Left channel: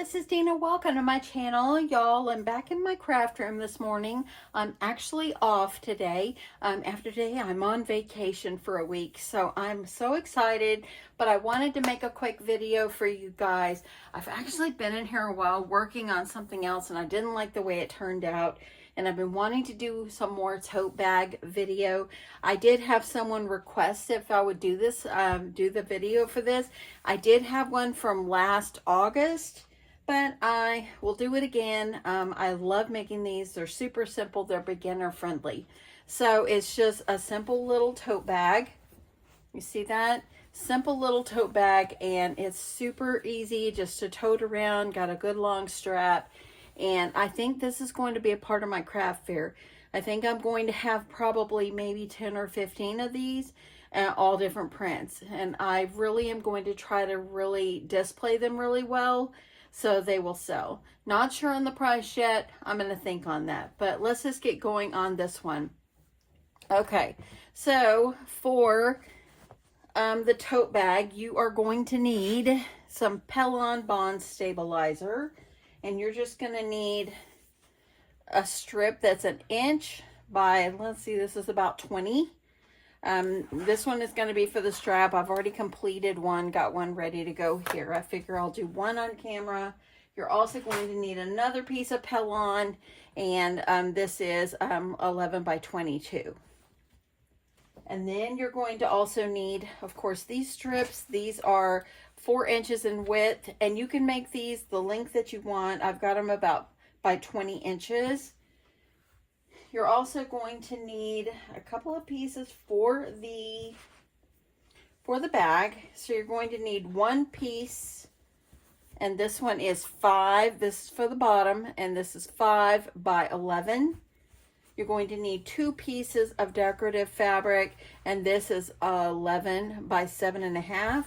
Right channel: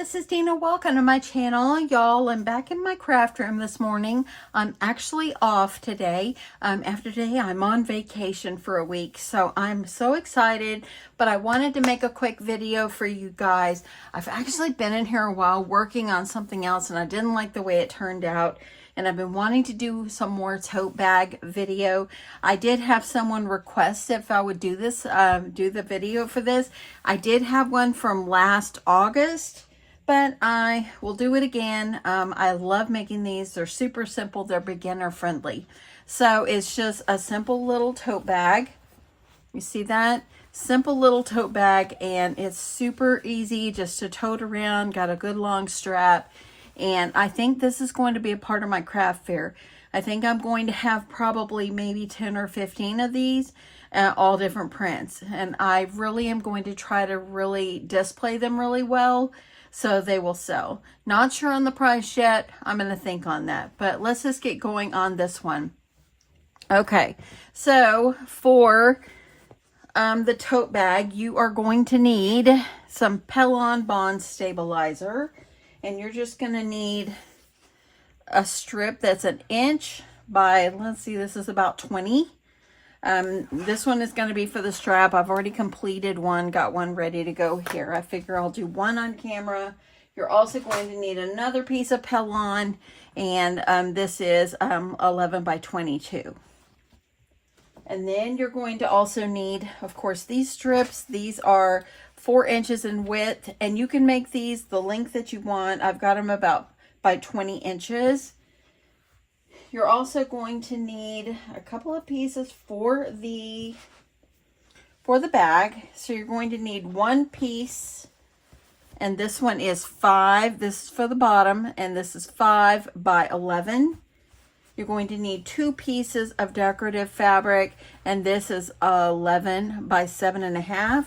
this is Deanna. Welcome to my channel, y'all. I'm back in my craft room this morning. I'm actually off today. After today, I'm on vacation for a week, so I'm so excited, but I wanted to make a quick video for you guys. I've actually been in here a while working on something else, and I didn't like the way it turned out. And I've been wanting to do some more tote bag video. I did have someone request if I would do this, do the video for this. I did have one from last August, but I will do it again. I love making these. They're super simple. They're beginner friendly. So it's just a simple little tote bag. You see that? Simple little tote bag, and it's super easy just to tote around. Got a good long strap. And I think this is going to be a part of my craft fair. I think I'm going to have probably maybe 10 or 15 of these, all different prints. And I really am going to try to really display them really well so they will sell. Not sure on the price yet. I'm going to think on that. But let's just get going on this one. Okay, so for the tote bag, you are going to need some Pelon Bond Stabilizer. And you're just going to need a strip that's 1 inch by, let's see, this is about 20. This one is going to be for the strap. I've already completed one, got one ready to go here. I figure I'll do one on camera. You're also going to need another piece of Pelon, and this is 11 by 22. And then you're going to also need, of course, these strips. These are 4 inches in width, and you can make these the length that you want. I've got them about by 20 inches. You're also going to need a couple of pieces for the bag. So you're going to need one piece, and this one is 5. This is for the bottom, and this is 5 by 11. You're going to need 2 pieces of decorative fabric, and this is 11 by 7.5.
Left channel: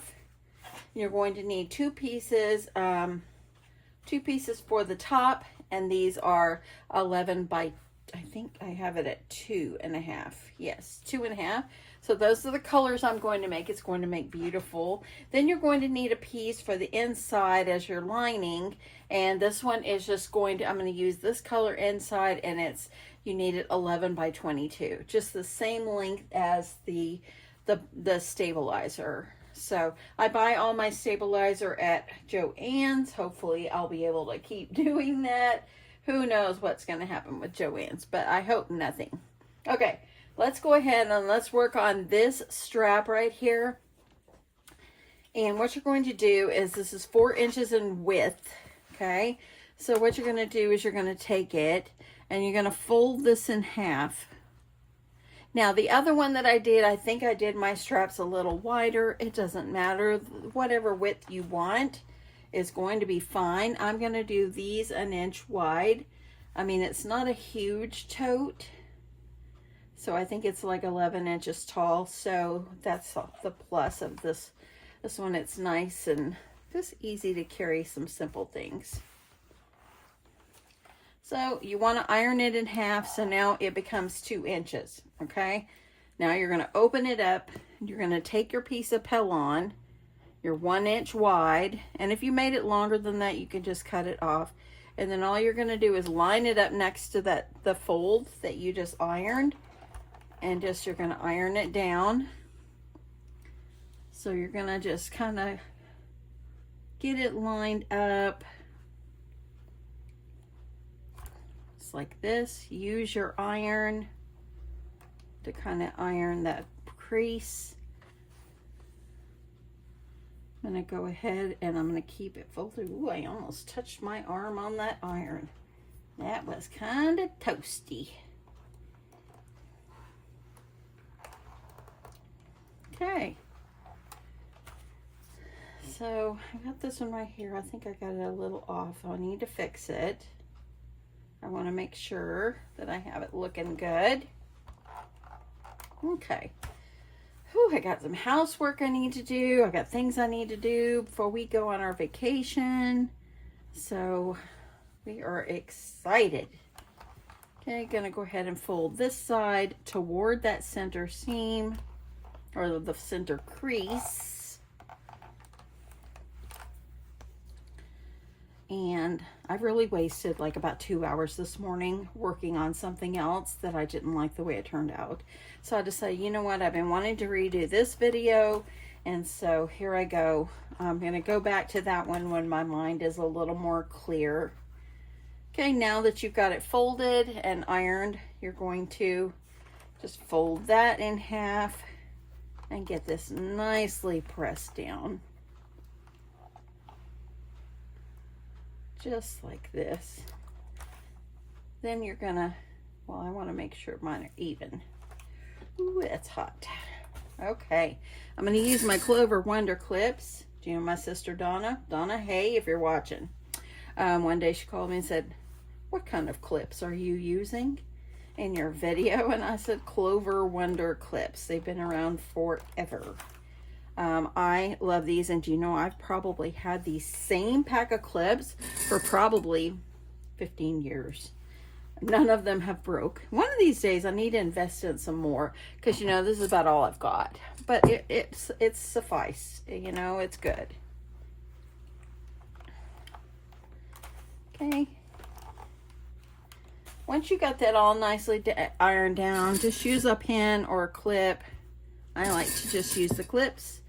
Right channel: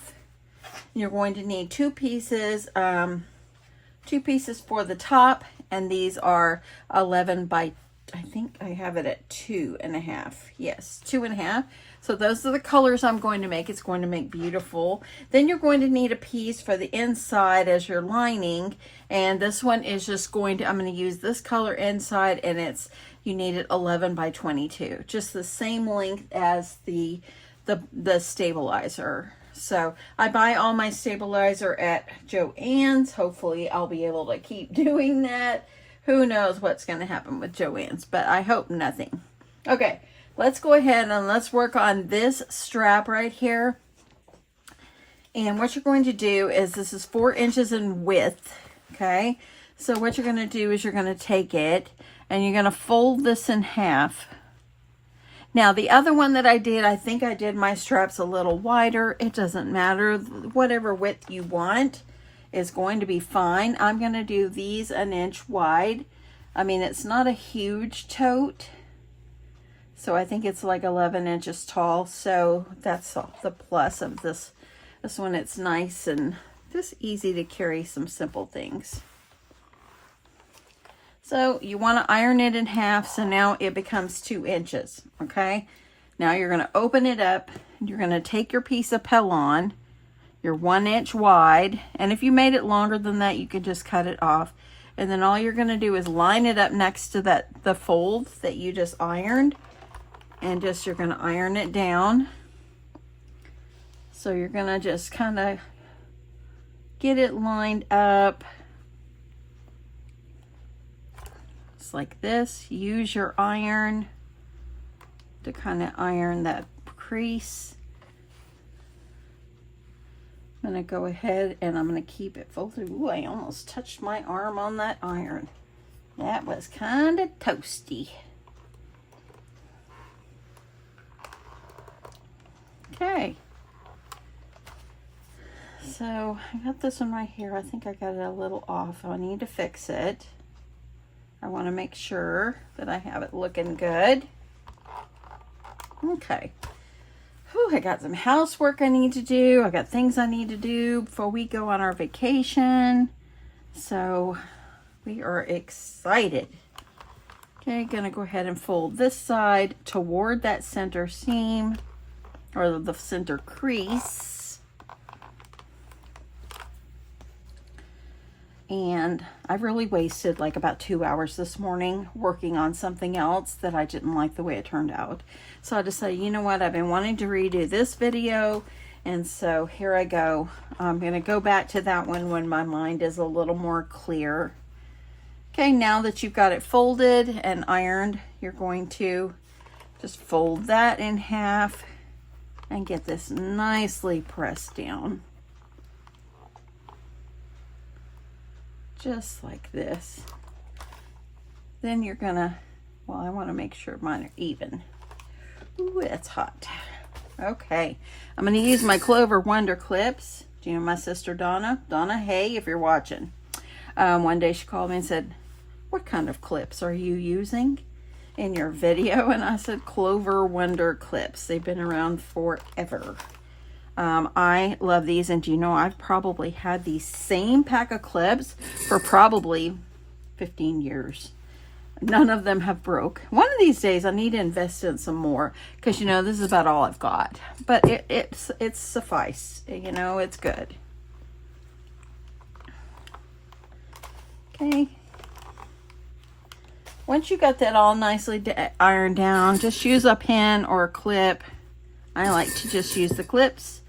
You're going to need 2 pieces, 2 pieces for the top, and these are 11 by, I think I have it at 2.5. Yes, 2.5. So those are the colors I'm going to make. It's going to make beautiful. Then you're going to need a piece for the inside as your lining, and this one is just going to, I'm going to use this color inside, and it's, you need it 11 by 22, just the same length as the stabilizer. So I buy all my stabilizer at Joann's. Hopefully I'll be able to keep doing that. Who knows what's going to happen with Joann's, but I hope nothing. Okay, let's go ahead and let's work on this strap right here. And what you're going to do is, this is 4 inches in width, okay? So what you're going to do is you're going to take it and you're going to fold this in half. Now, the other one that I did, I think I did my straps a little wider. It doesn't matter. Whatever width you want is going to be fine. I'm going to do these 1 inch wide. I mean, it's not a huge tote, so I think it's like 11 inches tall. So that's the plus of this one. It's nice and just easy to carry some simple things. So you want to iron it in half, so now it becomes 2 inches, okay? Now you're going to open it up, and you're going to take your piece of Pelon, your 1 inch wide, and if you made it longer than that, you can just cut it off. And then all you're going to do is line it up next to the fold that you just ironed, and just you're going to iron it down. So you're going to just kind of get it lined up. Like this. Use your iron to kind of iron that crease. I'm going to go ahead and I'm going to keep it folded. Ooh, I almost touched my arm on that iron. That was kind of toasty. Okay. So I got this one right here. I think I got it a little off. I need to fix it. I want to make sure that I have it looking good. Okay. Whew, I got some housework I need to do. I got things I need to do before we go on our vacation. So we are excited. Okay, gonna go ahead and fold this side toward that center seam or the center crease. And I really wasted like about 2 hours this morning working on something else that I didn't like the way it turned out. So I decided, you know what, I've been wanting to redo this video, and so here I go. I'm going to go back to that one when my mind is a little more clear. Okay, now that you've got it folded and ironed, you're going to just fold that in half and get this nicely pressed down. Just like this. Then you're gonna, well, I want to make sure mine are even. Ooh, that's hot. Okay, I'm gonna use my Clover Wonder clips. Do you know my sister Donna? Donna, hey, if you're watching. One day she called me and said, what kind of clips are you using in your video? And I said, Clover Wonder clips. They've been around forever. I love these, and do you know, I've probably had these same pack of clips for probably 15 years. None of them have broke. One of these days I need to invest in some more, because you know, this is about all I've got, but it's suffice, you know, it's good. Okay, once you got that all nicely ironed down, just use a pin or a clip. I like to just use the clips.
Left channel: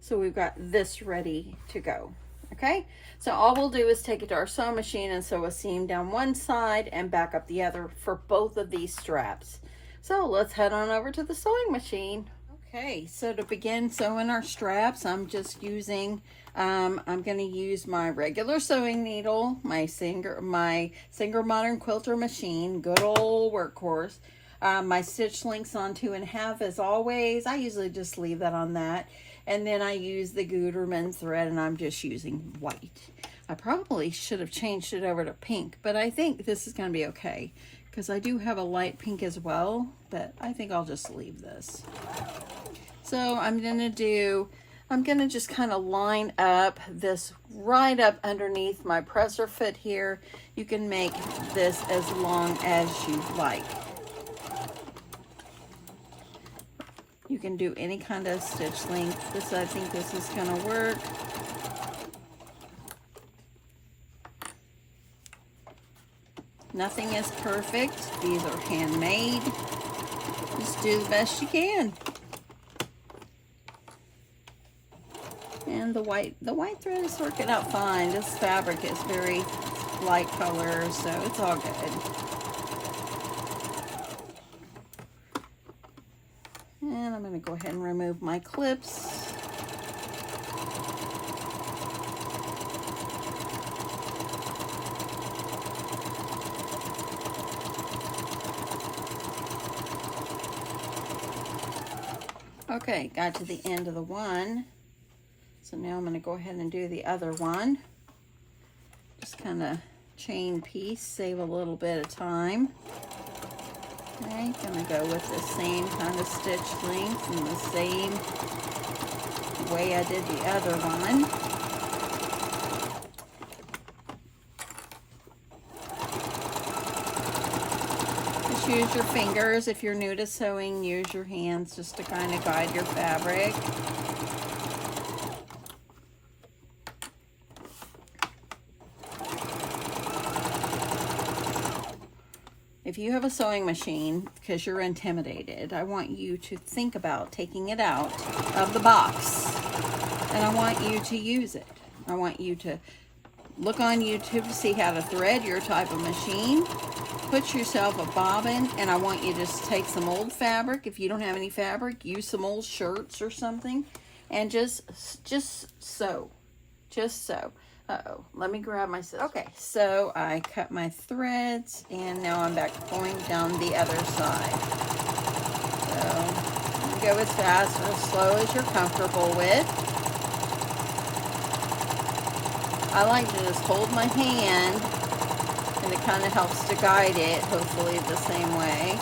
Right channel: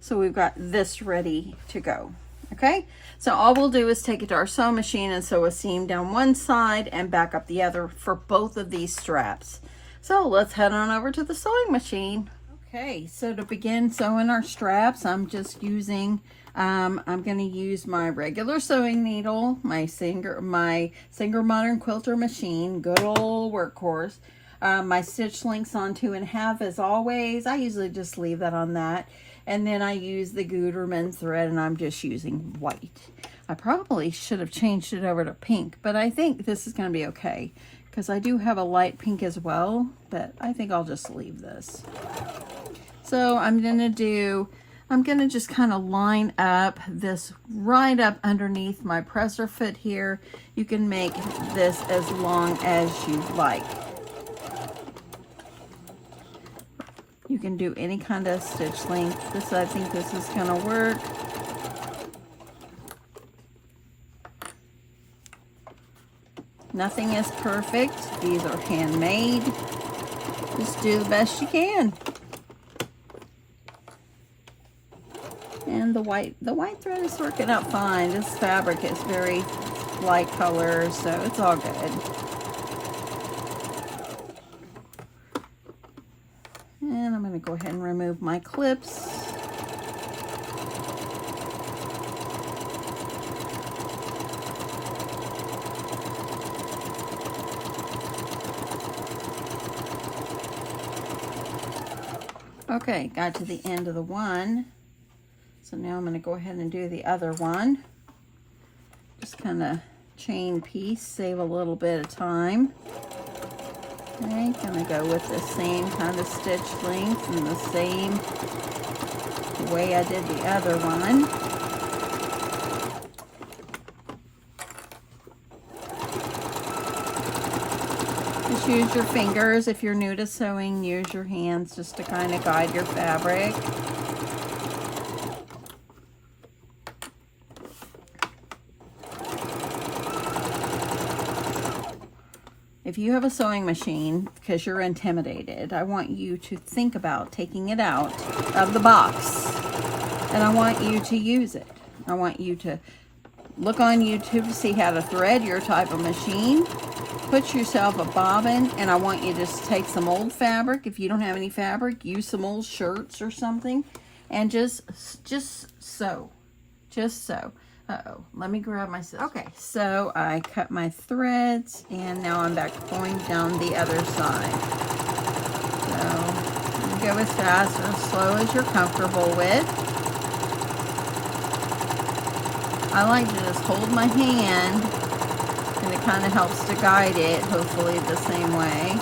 So we've got this ready to go. Okay, so all we'll do is take it to our sewing machine and sew a seam down one side and back up the other for both of these straps. So let's head on over to the sewing machine. Okay, so to begin sewing our straps, I'm just using, I'm going to use my regular sewing needle, my Singer Modern Quilter machine, good old workhorse. My stitch length's on 2.5 as always. I usually just leave that on that. And then I use the Gutermann thread, and I'm just using white. I probably should have changed it over to pink, but I think this is going to be okay, because I do have a light pink as well, but I think I'll just leave this. So I'm going to just kind of line up this right up underneath my presser foot here. You can make this as long as you like. You can do any kind of stitch length. I think this is going to work. Nothing is perfect. These are handmade. Just do the best you can. And the white thread is working out fine. This fabric is very light color, so it's all good. And I'm going to go ahead and remove my clips. Okay, got to the end of the one. So now I'm going to go ahead and do the other one. Just kind of chain piece, save a little bit of time. Okay, gonna go with the same kind of stitch length and the same way I did the other one. Just use your fingers. If you're new to sewing, use your hands just to kind of guide your fabric. If you have a sewing machine, because you're intimidated, I want you to think about taking it out of the box, and I want you to use it. I want you to look on YouTube to see how to thread your type of machine. Put yourself a bobbin, and I want you to just take some old fabric. If you don't have any fabric, use some old shirts or something, and just sew. Just sew. Uh-oh, let me grab my scissors. Okay, so I cut my threads, and now I'm back going down the other side. So, go as fast or as slow as you're comfortable with. I like to just hold my hand, and it kind of helps to guide it, hopefully the same way.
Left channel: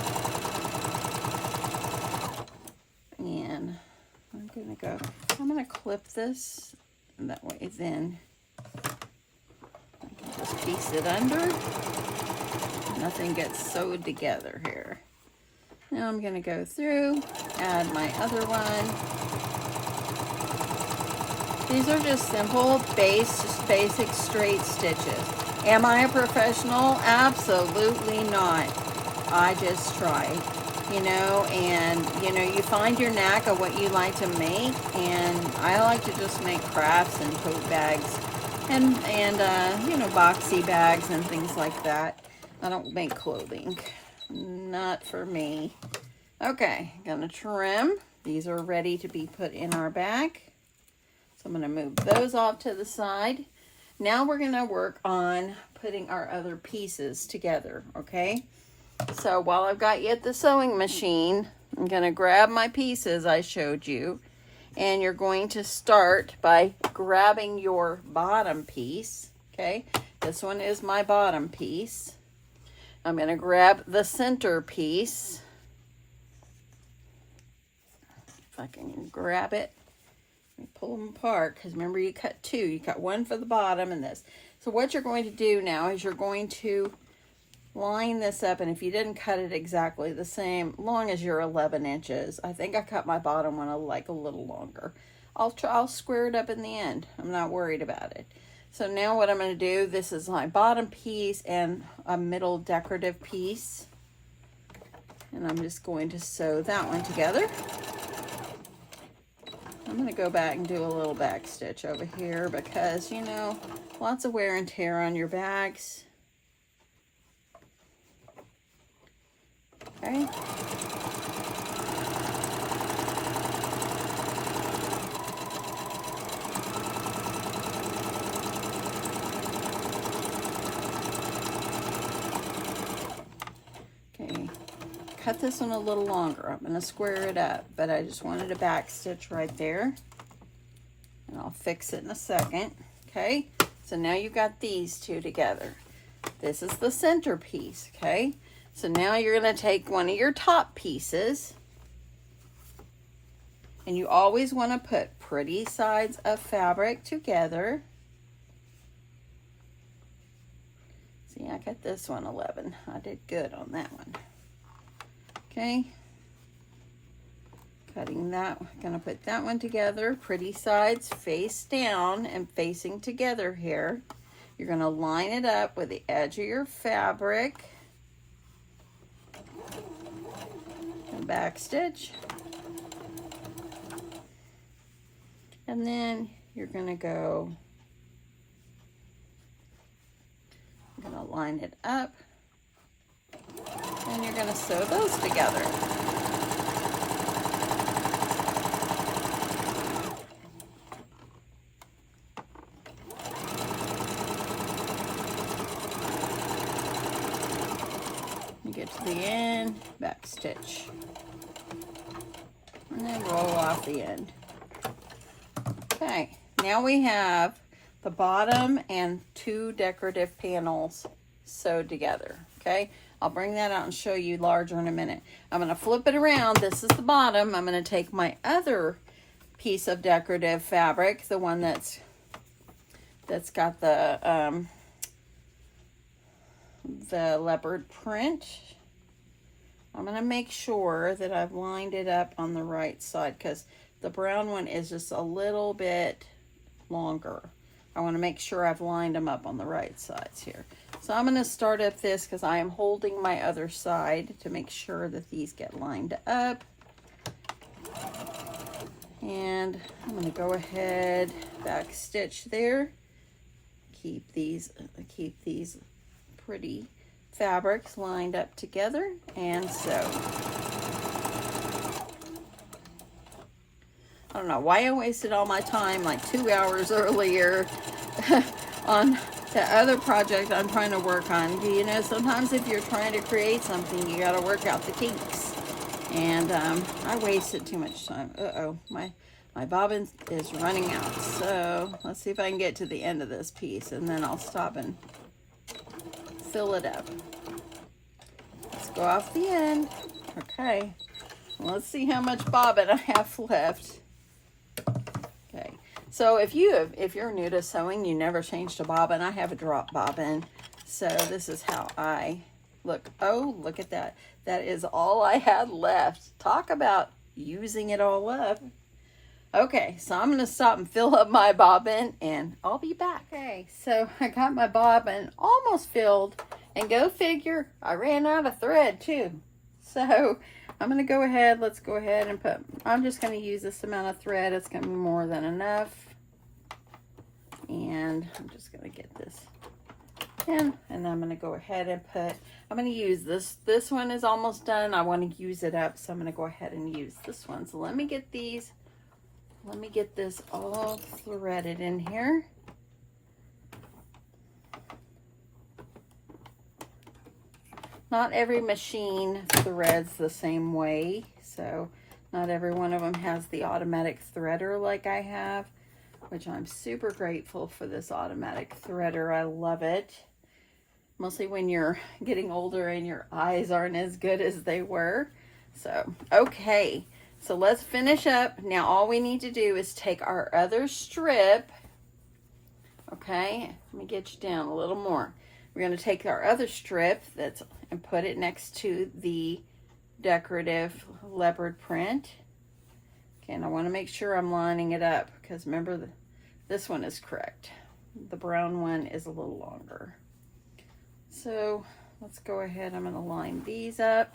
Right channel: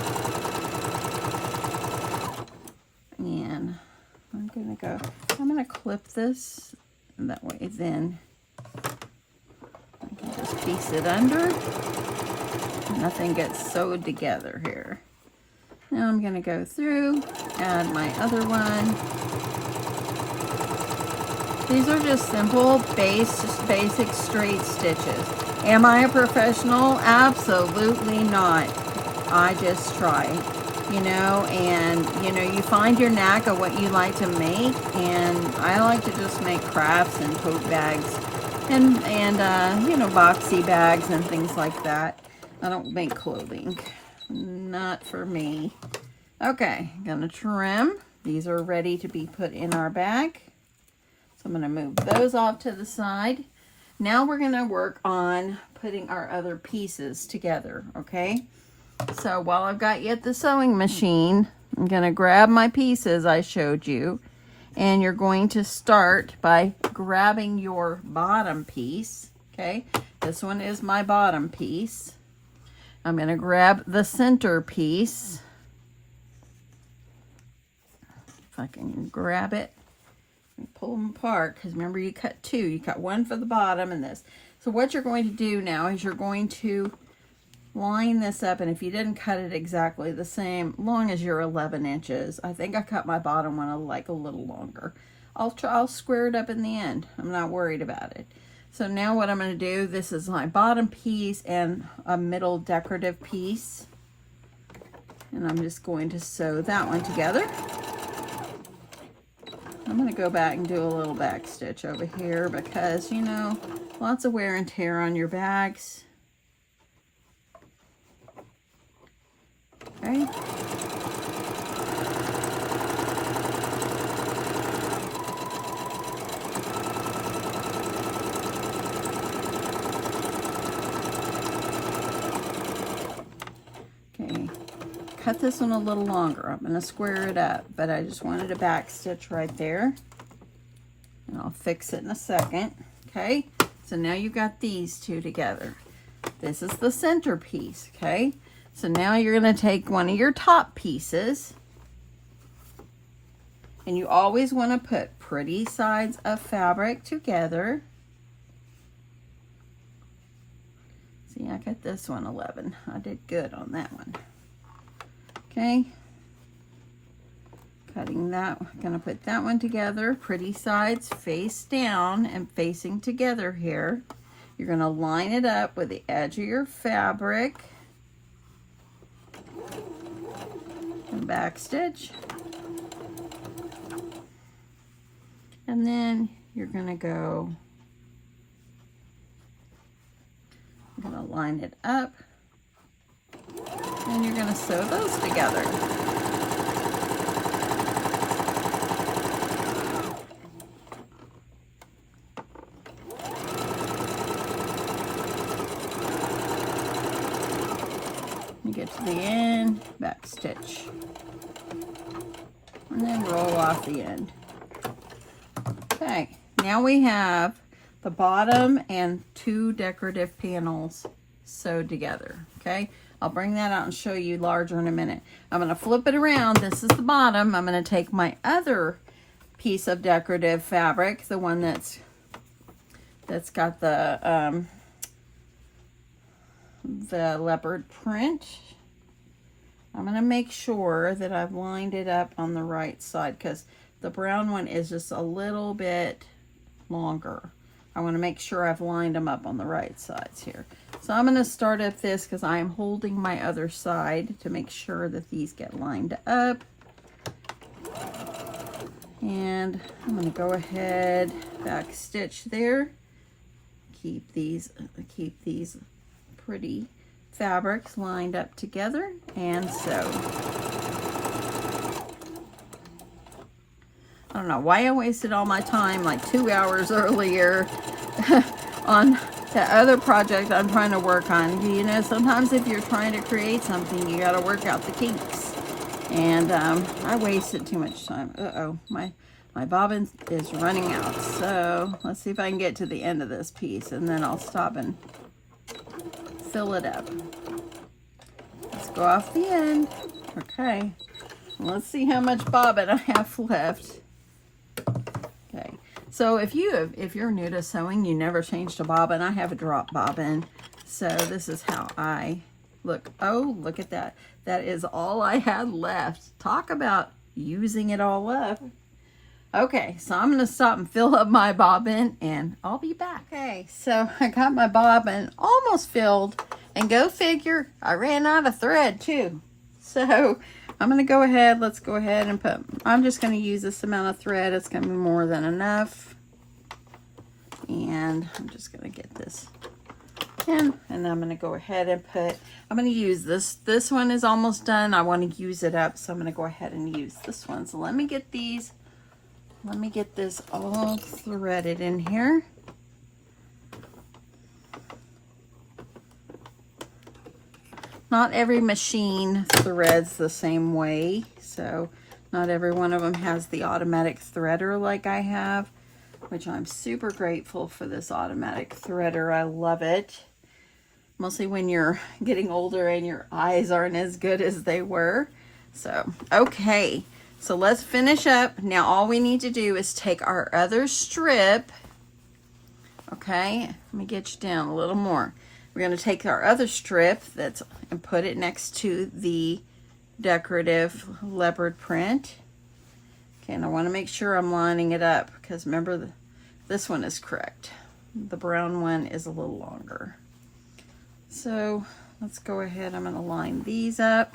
And I'm gonna clip this, and that way then I can just piece it under. Nothing gets sewed together here. Now I'm going to go through, add my other one. These are just simple, basic straight stitches. Am I a professional? Absolutely not. I just try, you know, and, you know, you find your knack of what you like to make, and I like to just make crafts and tote bags and you know, boxy bags and things like that. I don't make clothing. Not for me. Okay, gonna trim. These are ready to be put in our bag. So I'm gonna move those off to the side. Now we're gonna work on putting our other pieces together, okay? So while I've got you at the sewing machine, I'm gonna grab my pieces I showed you, and you're going to start by grabbing your bottom piece, okay? This one is my bottom piece. I'm gonna grab the center piece. If I can grab it. Pull them apart, because remember you cut two. You cut one for the bottom and this. So what you're going to do now is you're going to line this up, and if you didn't cut it exactly the same, long as you're 11 inches, I think I cut my bottom one like a little longer. I'll square it up in the end. I'm not worried about it. So now what I'm going to do, this is my bottom piece and a middle decorative piece, and I'm just going to sew that one together. I'm going to go back and do a little back stitch over here because, you know, lots of wear and tear on your bags. Okay. Okay. Cut this one a little longer. I'm going to square it up, but I just wanted a back stitch right there. And I'll fix it in a second. Okay, so now you've got these two together. This is the center piece, okay? So now you're going to take one of your top pieces, and you always want to put pretty sides of fabric together. See, I got this one 11. I did good on that one. Okay, cutting that, gonna put that one together, pretty sides face down and facing together here. You're gonna line it up with the edge of your fabric and back stitch. And then you're gonna go, I'm gonna line it up. And you're going to sew those together. You get to the end, back stitch, and then roll off the end. Okay, now we have the bottom and two decorative panels sewed together, okay? I'll bring that out and show you larger in a minute. I'm going to flip it around. This is the bottom. I'm going to take my other piece of decorative fabric, the one that's got the leopard print. I'm going to make sure that I've lined it up on the right side because the brown one is just a little bit longer. I want to make sure I've lined them up on the right sides here. So I'm going to start up this because I am holding my other side to make sure that these get lined up. And I'm going to go ahead, back stitch there. Keep these pretty fabrics lined up together and sew. I don't know why I wasted all my time like 2 hours earlier on the other project I'm trying to work on. You know, sometimes if you're trying to create something, you got to work out the kinks. And I wasted too much time. Uh-oh, my bobbin is running out. So let's see if I can get to the end of this piece, and then I'll stop and fill it up. Let's go off the end. Okay, let's see how much bobbin I have left. Okay, so if you're new to sewing, you never changed a bobbin. I have a drop bobbin, so this is how I look. Oh, look at that. That is all I had left. Talk about using it all up. Okay, so I'm gonna stop and fill up my bobbin and I'll be back. Okay, so I got my bobbin almost filled, and go figure, I ran out of thread too. So I'm gonna go ahead, let's go ahead and I'm just gonna use this amount of thread. It's gonna be more than enough. And I'm just gonna get this in, and I'm gonna go ahead and I'm gonna use this one is almost done. I want to use it up, so I'm gonna go ahead and use this one. So let me get this all threaded in here. Not every machine threads the same way, so not every one of them has the automatic threader like I have, which I'm super grateful for this automatic threader. I love it. Mostly when you're getting older and your eyes aren't as good as they were. So, okay. So let's finish up. Now all we need to do is take our other strip. Okay, let me get you down a little more. We're going to take our other strip and put it next to the decorative leopard print. Okay, and I want to make sure I'm lining it up, because remember, this one is correct. The brown one is a little longer. So let's go ahead. I'm going to line these up.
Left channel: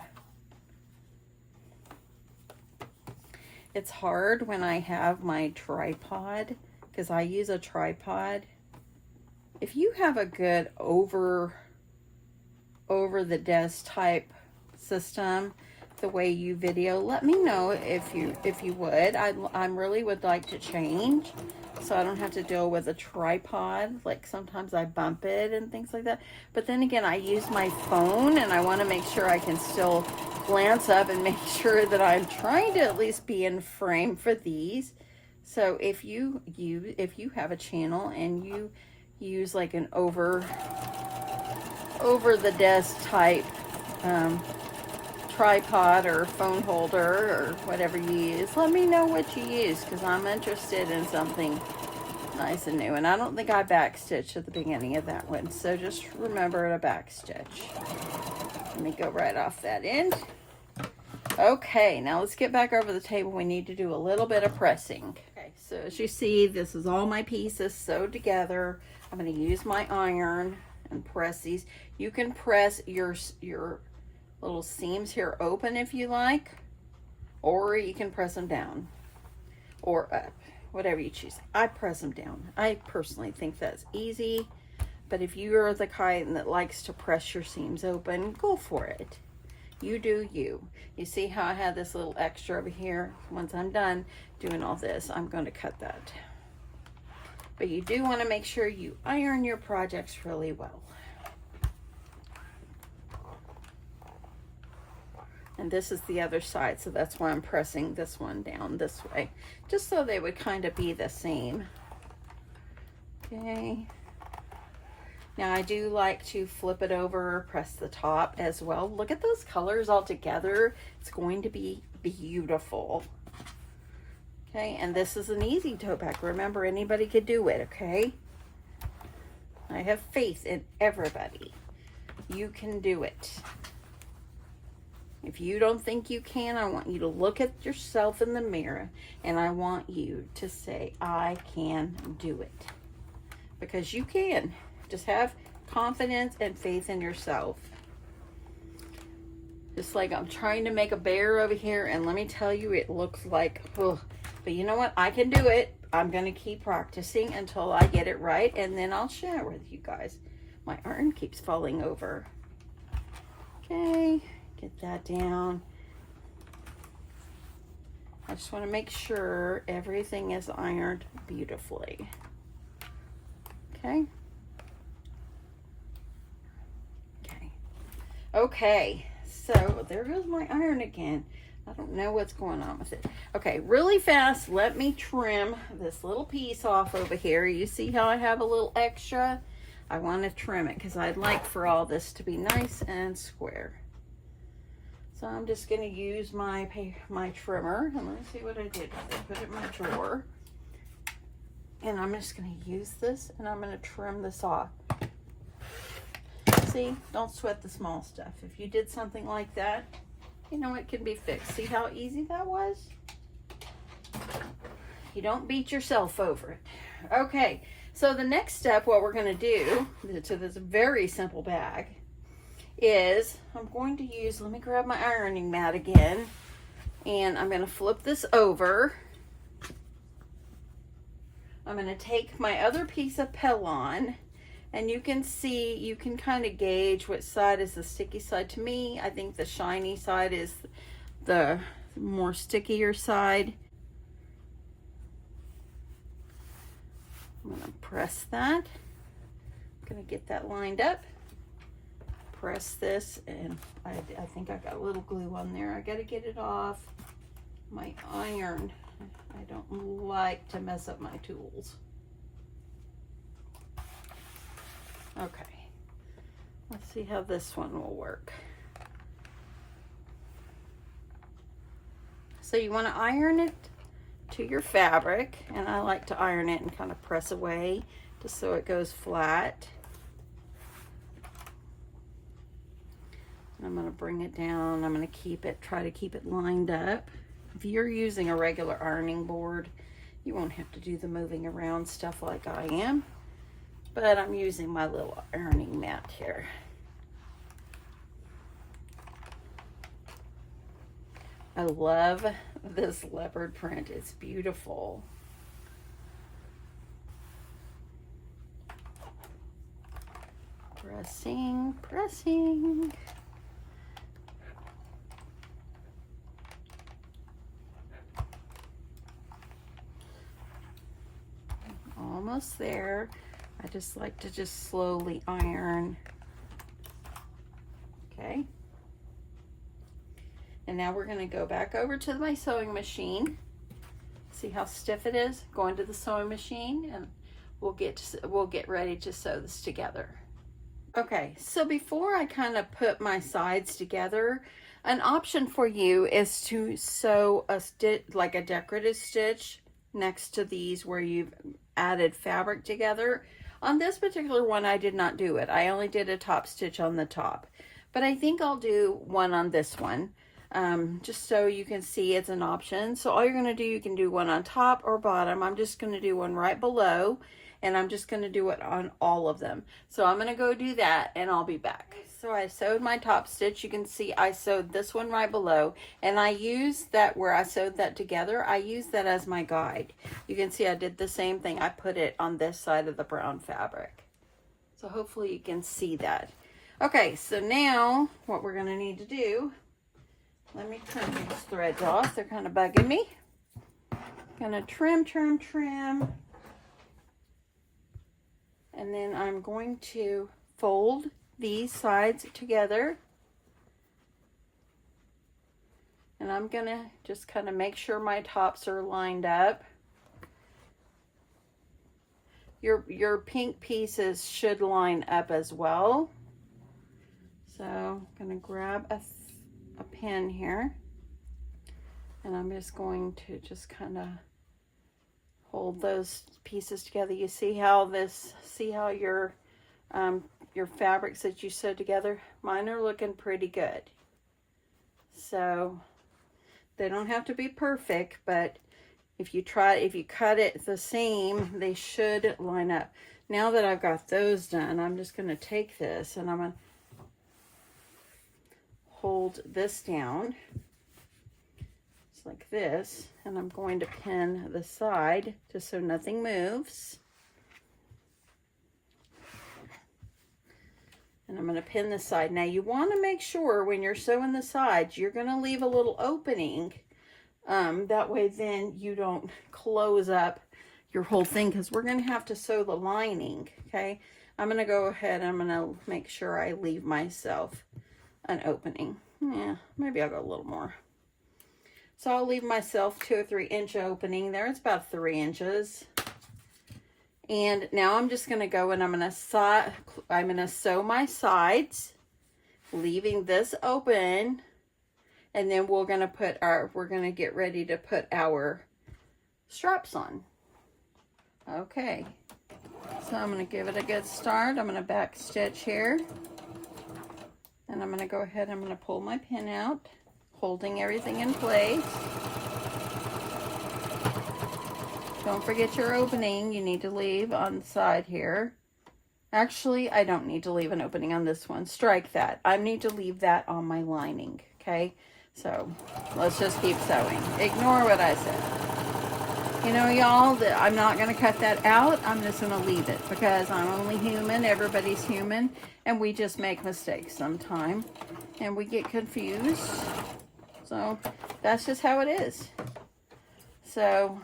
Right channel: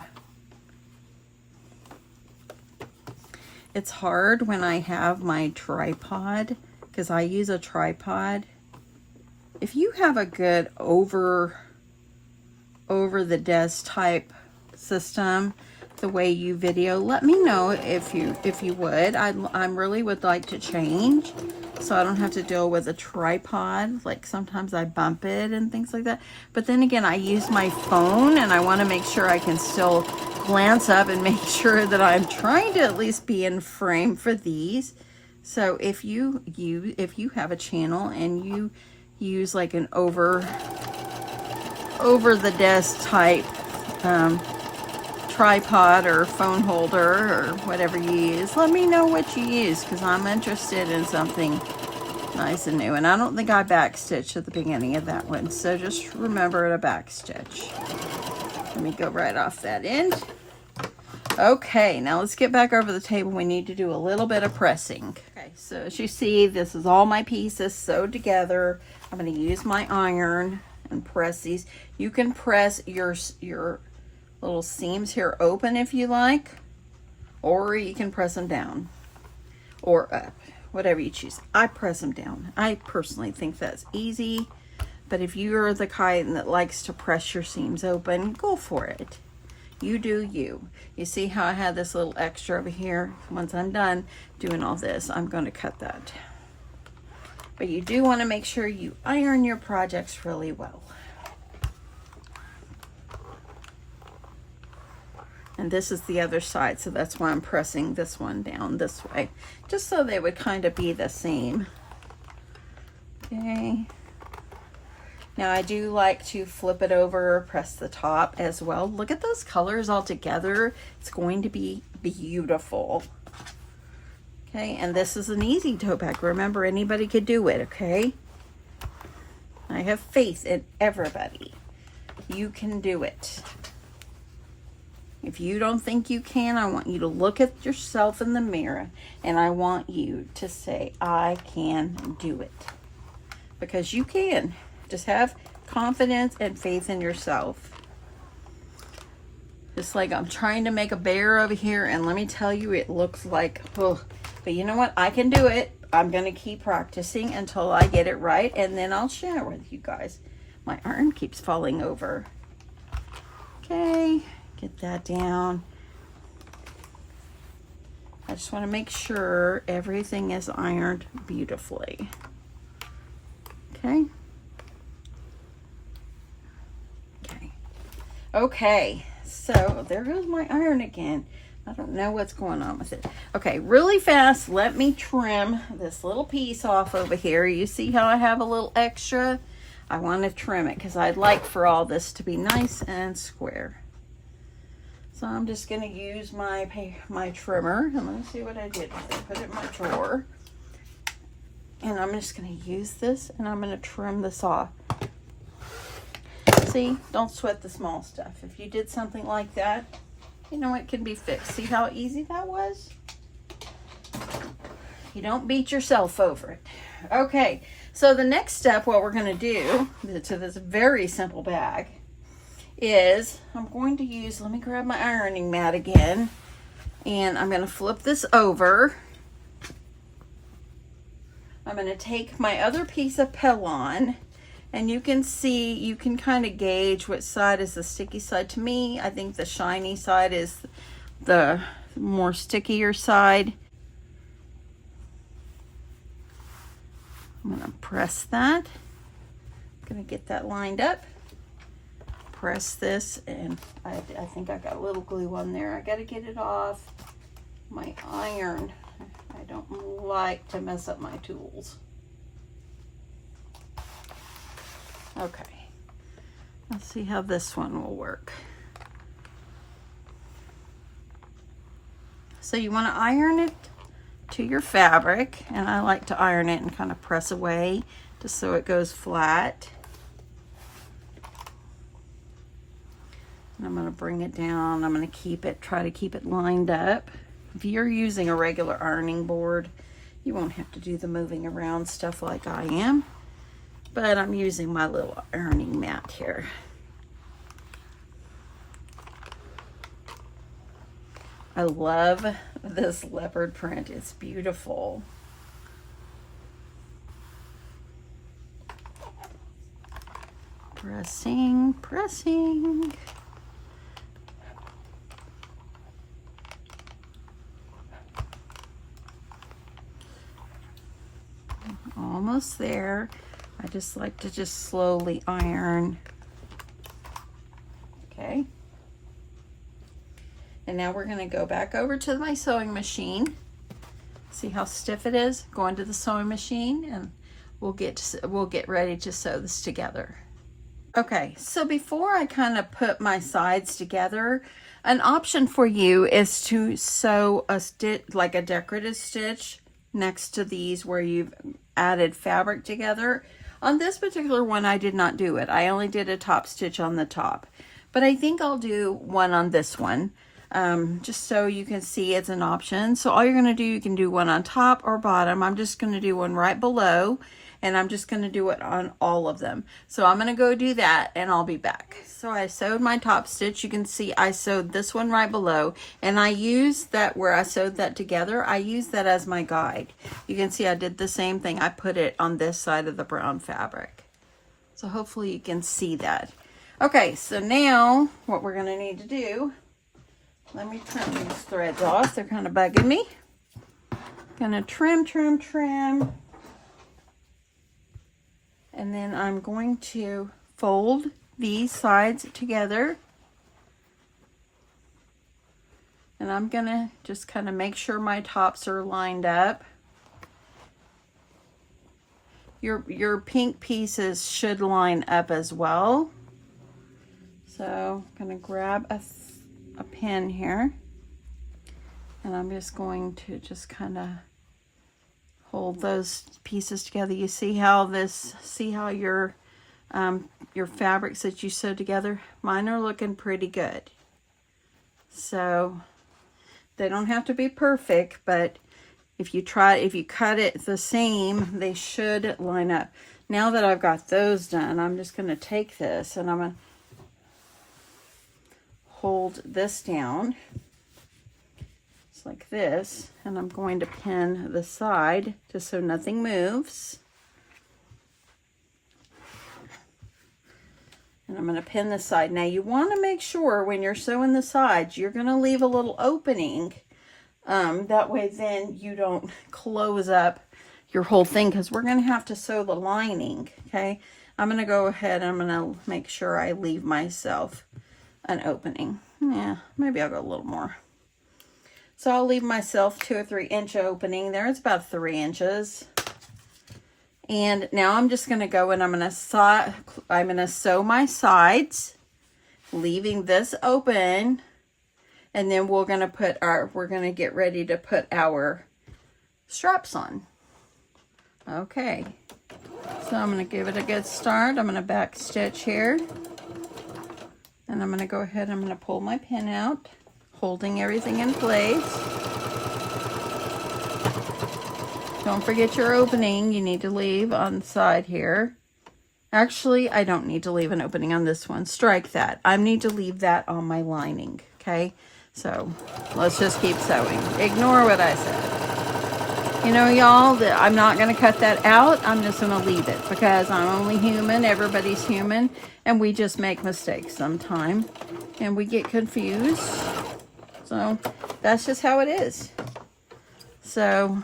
It's hard when I have my tripod, because I use a tripod. If you have a good over the desk type system, the way you video, let me know if you would. I really would like to change, so I don't have to deal with a tripod. Like sometimes I bump it and things like that. But then again, I use my phone, and I want to make sure I can still glance up and make sure that I'm trying to at least be in frame for these. So if you have a channel and you use like an over the desk type tripod or phone holder or whatever you use, let me know what you use, because I'm interested in something nice and new. And I don't think I backstitched at the beginning of that one, so just remember to backstitch. Let me go right off that end. Okay, now let's get back over the table. We need to do a little bit of pressing. Okay, so as you see, this is all my pieces sewed together. I'm going to use my iron and press these. You can press your little seams here open if you like, or you can press them down or up, whatever you choose. I press them down. I personally think that's easy, but if you're the kind that likes to press your seams open, go for it. You do you. You see how I had this little extra over here? Once I'm done doing all this, I'm going to cut that. But you do want to make sure you iron your projects really well. And this is the other side, so that's why I'm pressing this one down this way, just so they would kind of be the same. Okay. Now I do like to flip it over, press the top as well. Look at those colors all together. It's going to be beautiful. Okay, and this is an easy tote bag. Remember, anybody could do it, okay? I have faith in everybody. You can do it. If you don't think you can, I want you to look at yourself in the mirror, and I want you to say, I can do it. Because you can. Just have confidence and faith in yourself. Just like I'm trying to make a bear over here, and let me tell you, it looks like, oh, but you know what? I can do it. I'm going to keep practicing until I get it right, and then I'll share with you guys. My iron keeps falling over. Okay, get that down. I just want to make sure everything is ironed beautifully. Okay. Okay, so there goes my iron again. I don't know what's going on with it. Okay, really fast, let me trim this little piece off over here. You see how I have a little extra? I want to trim it because I'd like for all this to be nice and square. So I'm just going to use my trimmer. And let me see what I did. I put it in my drawer. And I'm just going to use this, and I'm going to trim this off. See, don't sweat the small stuff. If you did something like that, you know, it can be fixed. See how easy that was? You don't beat yourself over it. Okay, so the next step, what we're going to do to this very simple bag is I'm going to use, let me grab my ironing mat again, and I'm going to flip this over. I'm going to take my other piece of Pelon, and you can see, you can kind of gauge which side is the sticky side. To me, I think the shiny side is the more stickier side. I'm going to press that. I'm going to get that lined up. Press this, and I think I got a little glue on there. I got to get it off my iron. I don't like to mess up my tools. Okay, let's see how this one will work. So you want to iron it to your fabric, and I like to iron it and kind of press away just so it goes flat. And I'm going to bring it down. I'm going to try to keep it lined up. If you're using a regular ironing board, you won't have to do the moving around stuff like I am. But I'm using my little ironing mat here. I love this leopard print. It's beautiful. Pressing, pressing. Almost there. I just like to just slowly iron. Okay. And now we're going to go back over to my sewing machine. See how stiff it is? Go into the sewing machine, and we'll get ready to sew this together. Okay, so before I kind of put my sides together, an option for you is to sew a stitch, like a decorative stitch, next to these where you've added fabric together. On this particular one, I did not do it. I only did a top stitch on the top, but I think I'll do one on this one, just so you can see it's an option. So all you're going to do, you can do one on top or bottom. I'm just going to do one right below, and I'm just going to do it on all of them. So I'm going to go do that, and I'll be back. So I sewed my top stitch. You can see I sewed this one right below, and I used that where I sewed that together. I used that as my guide. You can see I did the same thing. I put it on this side of the brown fabric. So hopefully you can see that. Okay, so now what we're going to need to do, let me trim these threads off. They're kind of bugging me. Gonna trim, trim, trim. And then I'm going to fold these sides together. And I'm gonna just kind of make sure my tops are lined up. Your pink pieces should line up as well. So I'm gonna grab a pin here, and I'm just going to just kind of hold those pieces together. You see how your fabrics that you sew together, mine are looking pretty good. So they don't have to be perfect, but if you cut it the same, they should line up. Now that I've got those done, I'm just going to take this and I'm going to hold this down just like this, and I'm going to pin the side just so nothing moves. And I'm going to pin the side. Now you want to make sure when you're sewing the sides, you're going to leave a little opening. That way then you don't close up your whole thing, because we're going to have to sew the lining. Okay, I'm going to go ahead and I'm going to make sure I leave myself an opening. Yeah, maybe I'll go a little more. So I'll leave myself 2 or 3 inch opening there. It's about 3 inches. And now I'm just going to go and I'm going to sew my sides, leaving this open, and then we're going to get ready to put our straps on. Okay. So I'm going to give it a good start. I'm going to back stitch here. And I'm going to go ahead and I'm going to pull my pin out, holding everything in place. don't forget your opening. You need to leave on the side here. Actually, I don't need to leave an opening on this one. Strike that. I need to leave that on my lining, okay? So let's just keep sewing. Ignore what I said. You know, y'all, I'm not going to cut that out. I'm just going to leave it because I'm only human. Everybody's human. And we just make mistakes sometime. And we get confused. So that's just how it is. So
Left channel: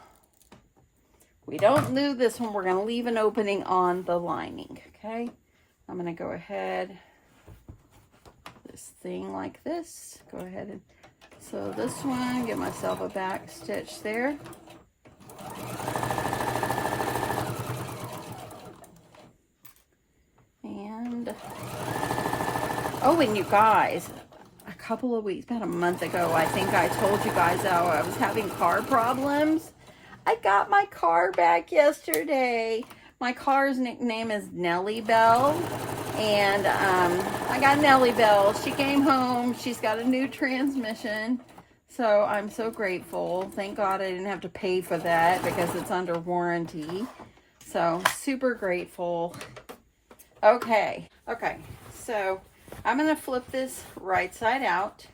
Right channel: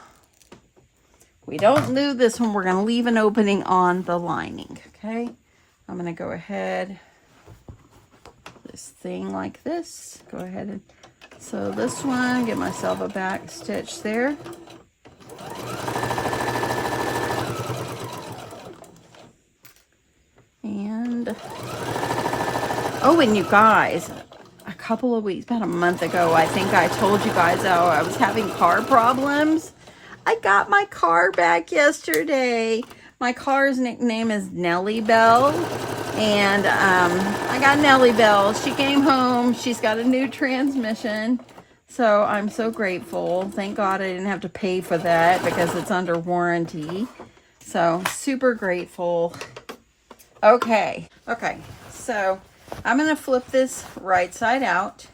we don't do this one. We're going to leave an opening on the lining, okay? I'm going to go ahead, this thing like this. Go ahead and sew this one. Give myself a back stitch there. And, oh, and you guys, a couple of weeks, about a month ago, I think I told you guys, oh, I was having car problems. I got my car back yesterday. My car's nickname is Nellie Bell. And I got Nellie Bell. She came home. She's got a new transmission. So I'm so grateful. Thank God I didn't have to pay for that because it's under warranty. So super grateful. Okay. Okay. So I'm going to flip this right side out.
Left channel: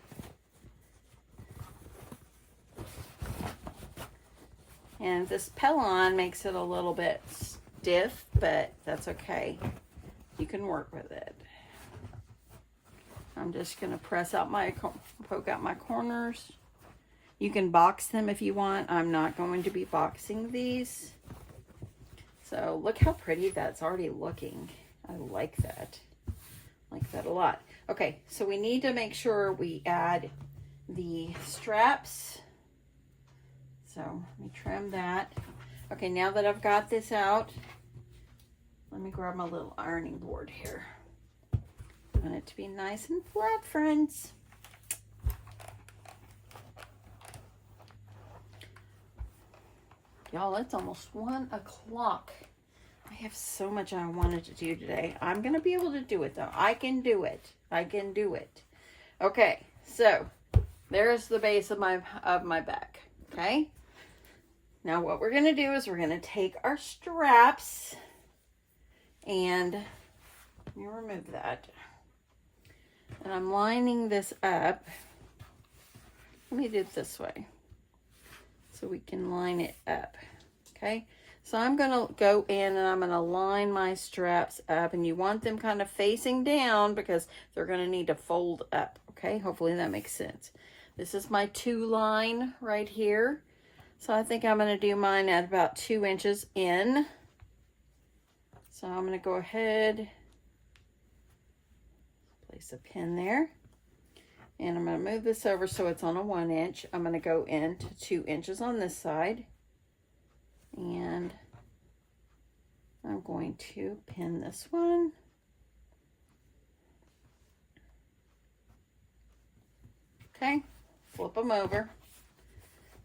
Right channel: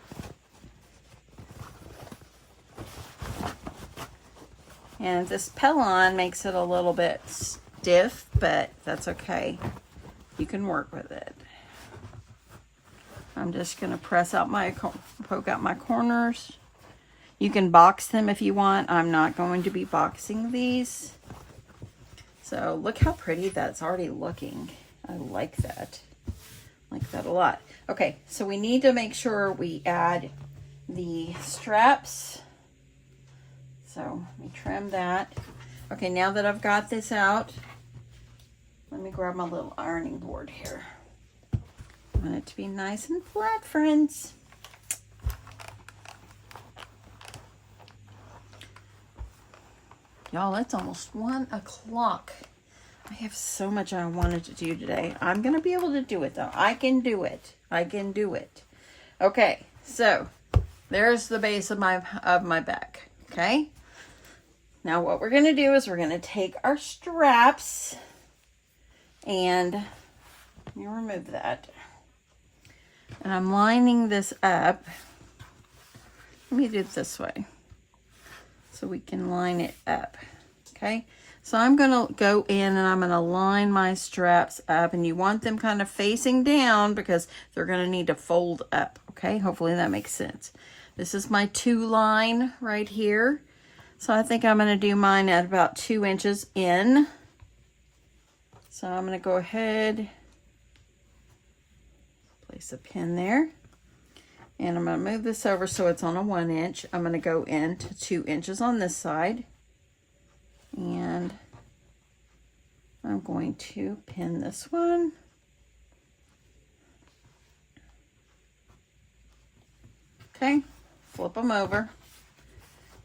And this Pelon makes it a little bit stiff, but that's okay. You can work with it. I'm just going to poke out my corners. You can box them if you want. I'm not going to be boxing these. So look how pretty that's already looking. I like that. I like that a lot. Okay, so we need to make sure we add the straps. So let me trim that. Okay, now that I've got this out, let me grab my little ironing board here. I want it to be nice and flat, friends. Y'all, it's almost 1 o'clock. I have so much I wanted to do today. I'm going to be able to do it, though. I can do it. I can do it. Okay, so there's the base of my back. Okay. Now what we're going to do is we're going to take our straps and let me remove that. And I'm lining this up. Let me do it this way so we can line it up. Okay. So I'm going to go in and I'm going to line my straps up, and you want them kind of facing down because they're going to need to fold up. Okay. Hopefully that makes sense. This is my 2 line right here. So I think I'm going to do mine at about 2 inches in. So I'm going to go ahead, place a pin there, and I'm going to move this over so it's on a 1 inch. I'm going to go into 2 inches on this side, and I'm going to pin this one. Okay, flip them over.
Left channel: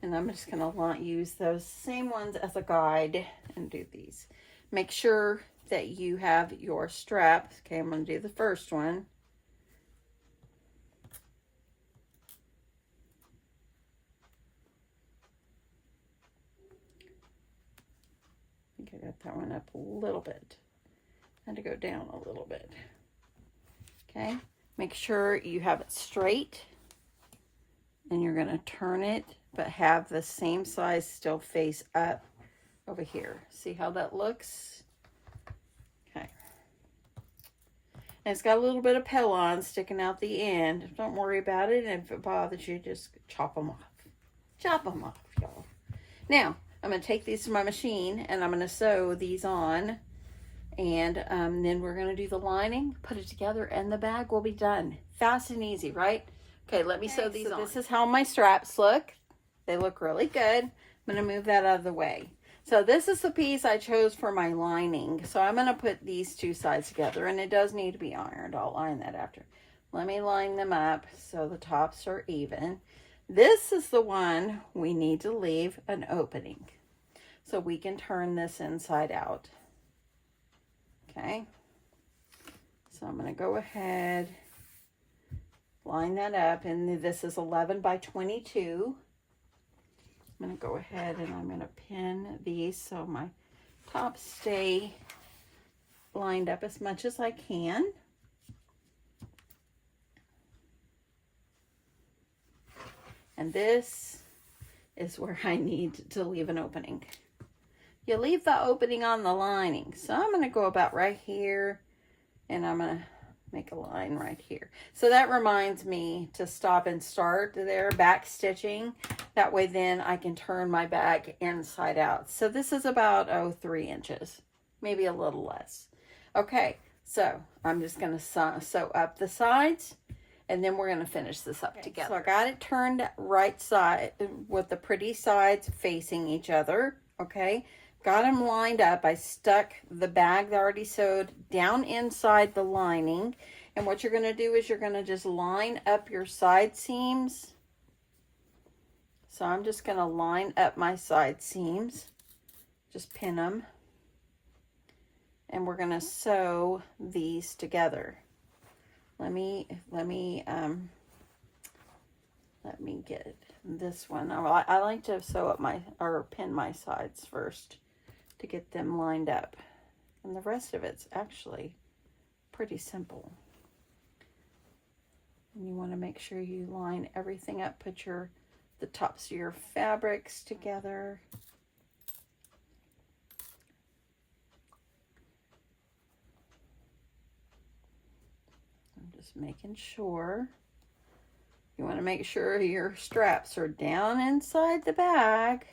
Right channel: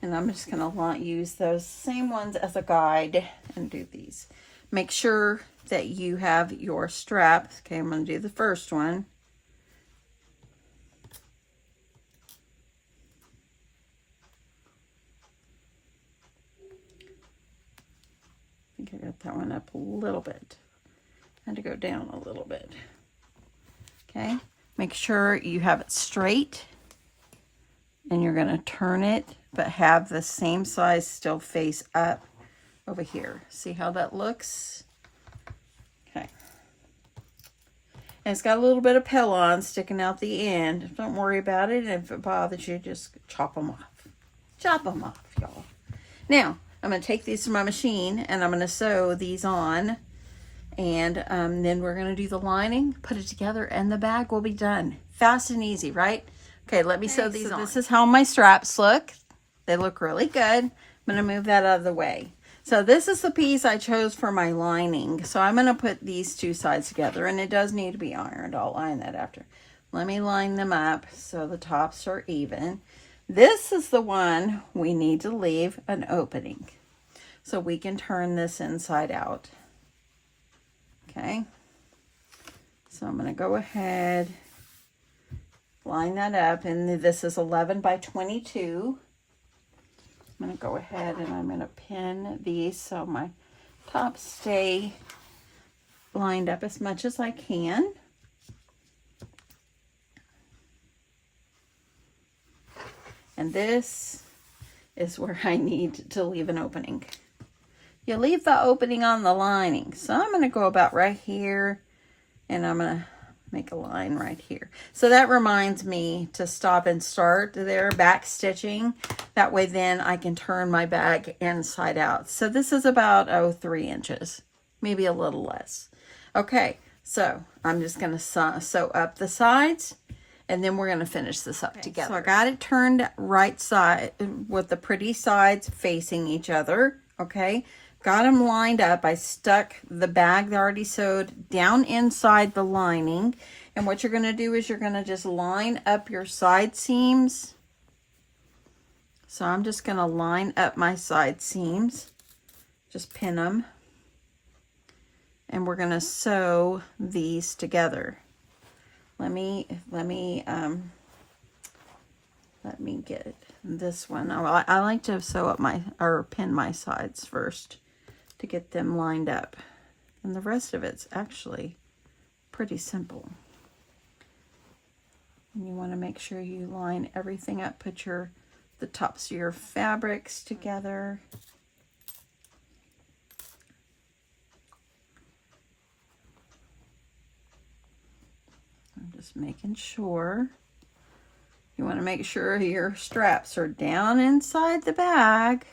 And I'm just going to use those same ones as a guide and do these. Make sure that you have your straps. Okay, I'm going to do the first one. I think I got that one up a little bit. I had to go down a little bit. Okay, make sure you have it straight. And you're going to turn it, but have the same size still face up over here. See how that looks? Okay. And it's got a little bit of Pelon sticking out the end. Don't worry about it. If it bothers you, just chop them off. Chop them off, y'all. Now, I'm going to take these to my machine, and I'm going to sew these on. And then we're going to do the lining, put it together, and the bag will be done. Fast and easy, right? Okay, let me sew these on. This is how my straps look. They look really good. I'm going to move that out of the way. So this is the piece I chose for my lining. So I'm going to put these 2 sides together, and it does need to be ironed. I'll iron that after. Let me line them up so the tops are even. This is the one we need to leave an opening so we can turn this inside out. Okay. So I'm going to go ahead, line that up, and this is 11 by 22. I'm going to go ahead and I'm going to pin these so my tops stay lined up as much as I can. And this is where I need to leave an opening. You leave the opening on the lining. So I'm going to go about right here, and I'm going to make a line right here. So that reminds me to stop and start there, back stitching. That way then I can turn my bag inside out. So this is about 3 inches, maybe a little less. Okay, so I'm just going to sew up the sides, and then we're going to finish this up together. So I got it turned right side with the pretty sides facing each other. Okay, got them lined up. I stuck the bag that I already sewed down inside the lining. And what you're going to do is you're going to just line up your side seams. So I'm just going to line up my side seams. Just pin them. And we're going to sew these together. Let me get this one. I like to sew up or pin my sides first to get them lined up. And the rest of it's actually pretty simple. And you want to make sure you line everything up, put the tops of your fabrics together. I'm just making sure. You want to make sure your straps are down inside the bag.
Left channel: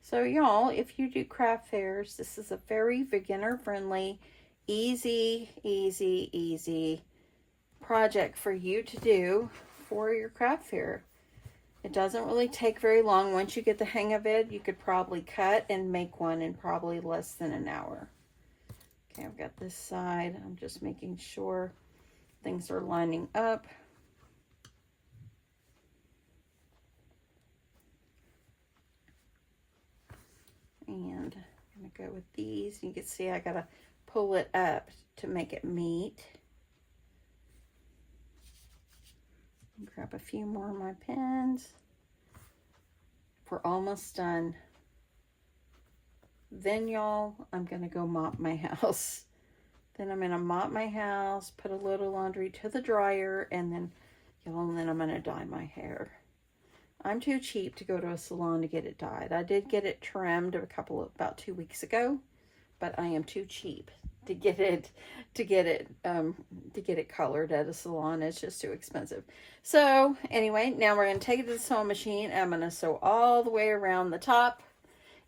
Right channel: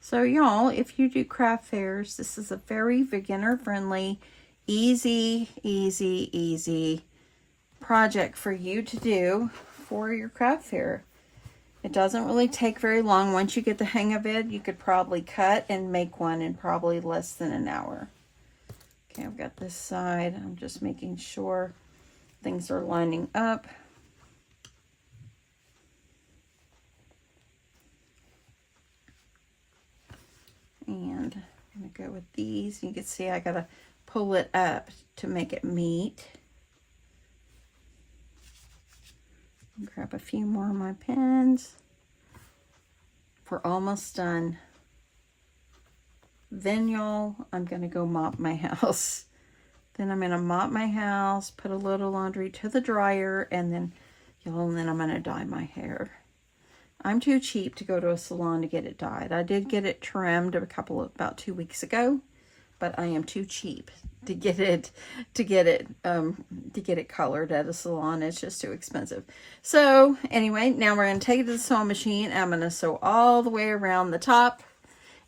So y'all, if you do craft fairs, this is a very beginner friendly, easy project for you to do for your craft fair. It doesn't really take very long. Once you get the hang of it, you could probably cut and make one in probably less than an hour. Okay, I've got this side. I'm just making sure things are lining up. And I'm going to go with these. You can see I got to pull it up to make it meet. Grab a few more of my pins. We're almost done. Then y'all, I'm going to go mop my house. Then I'm going to mop my house, put a little laundry to the dryer, and then y'all, then I'm going to dye my hair. I'm too cheap to go to a salon to get it dyed. I did get it trimmed about 2 weeks ago, but I am too cheap to get it colored at a salon. It's just too expensive. So anyway, now we're going to take it to the sewing machine. I'm going to sew all the way around the top,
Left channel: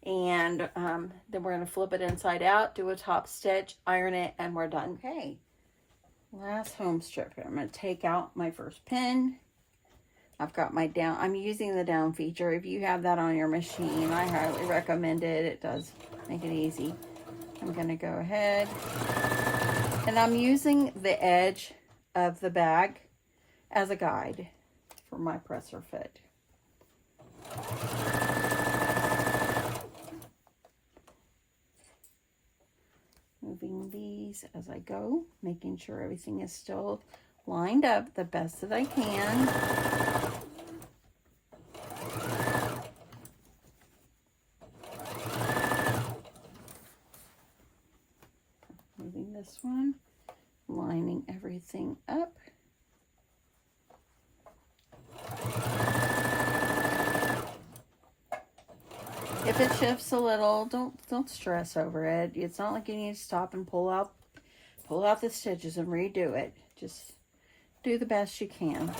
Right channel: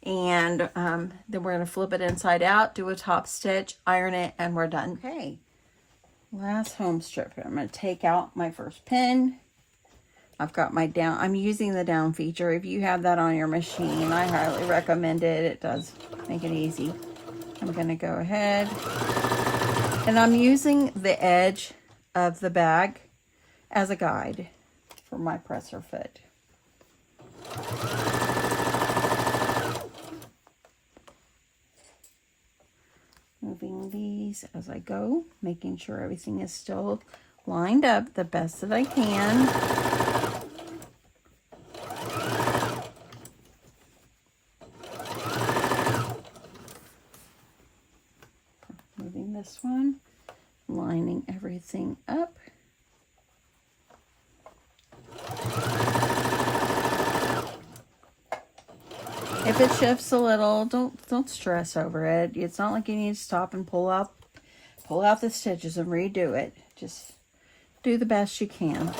and then we're going to flip it inside out, do a top stitch, iron it, and we're done. Okay, last home strip. I'm going to take out my first pin. I've got my down. I'm using the down feature. If you have that on your machine, I highly recommend it. It does make it easy. I'm going to go ahead, and I'm using the edge of the bag as a guide for my presser foot. Moving these as I go, making sure everything is still lined up the best that I can. Moving this one, lining everything up. If it shifts a little, don't stress over it. It's not like you need to stop and pull out the stitches and redo it. Just do the best you can.